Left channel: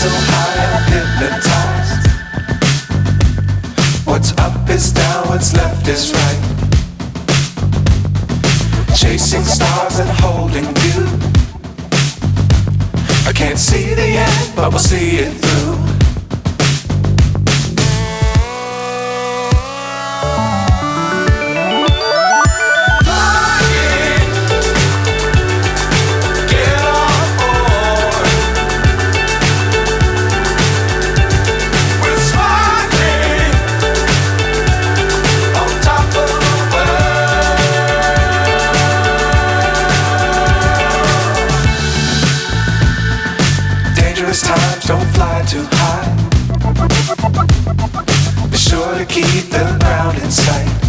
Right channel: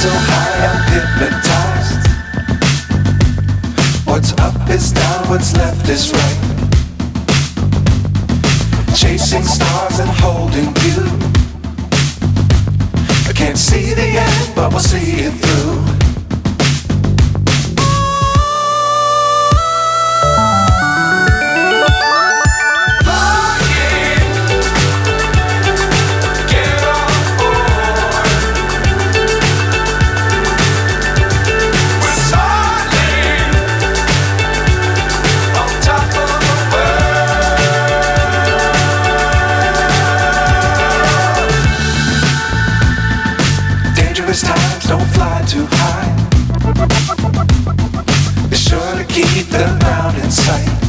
so high I'm hypnotized. What's up is down, what's left is right. Chasing stars and holding you. I can't see the end, but we'll see it through. Dangerous times, don't fly too high. Be sure to keep the ground in sight.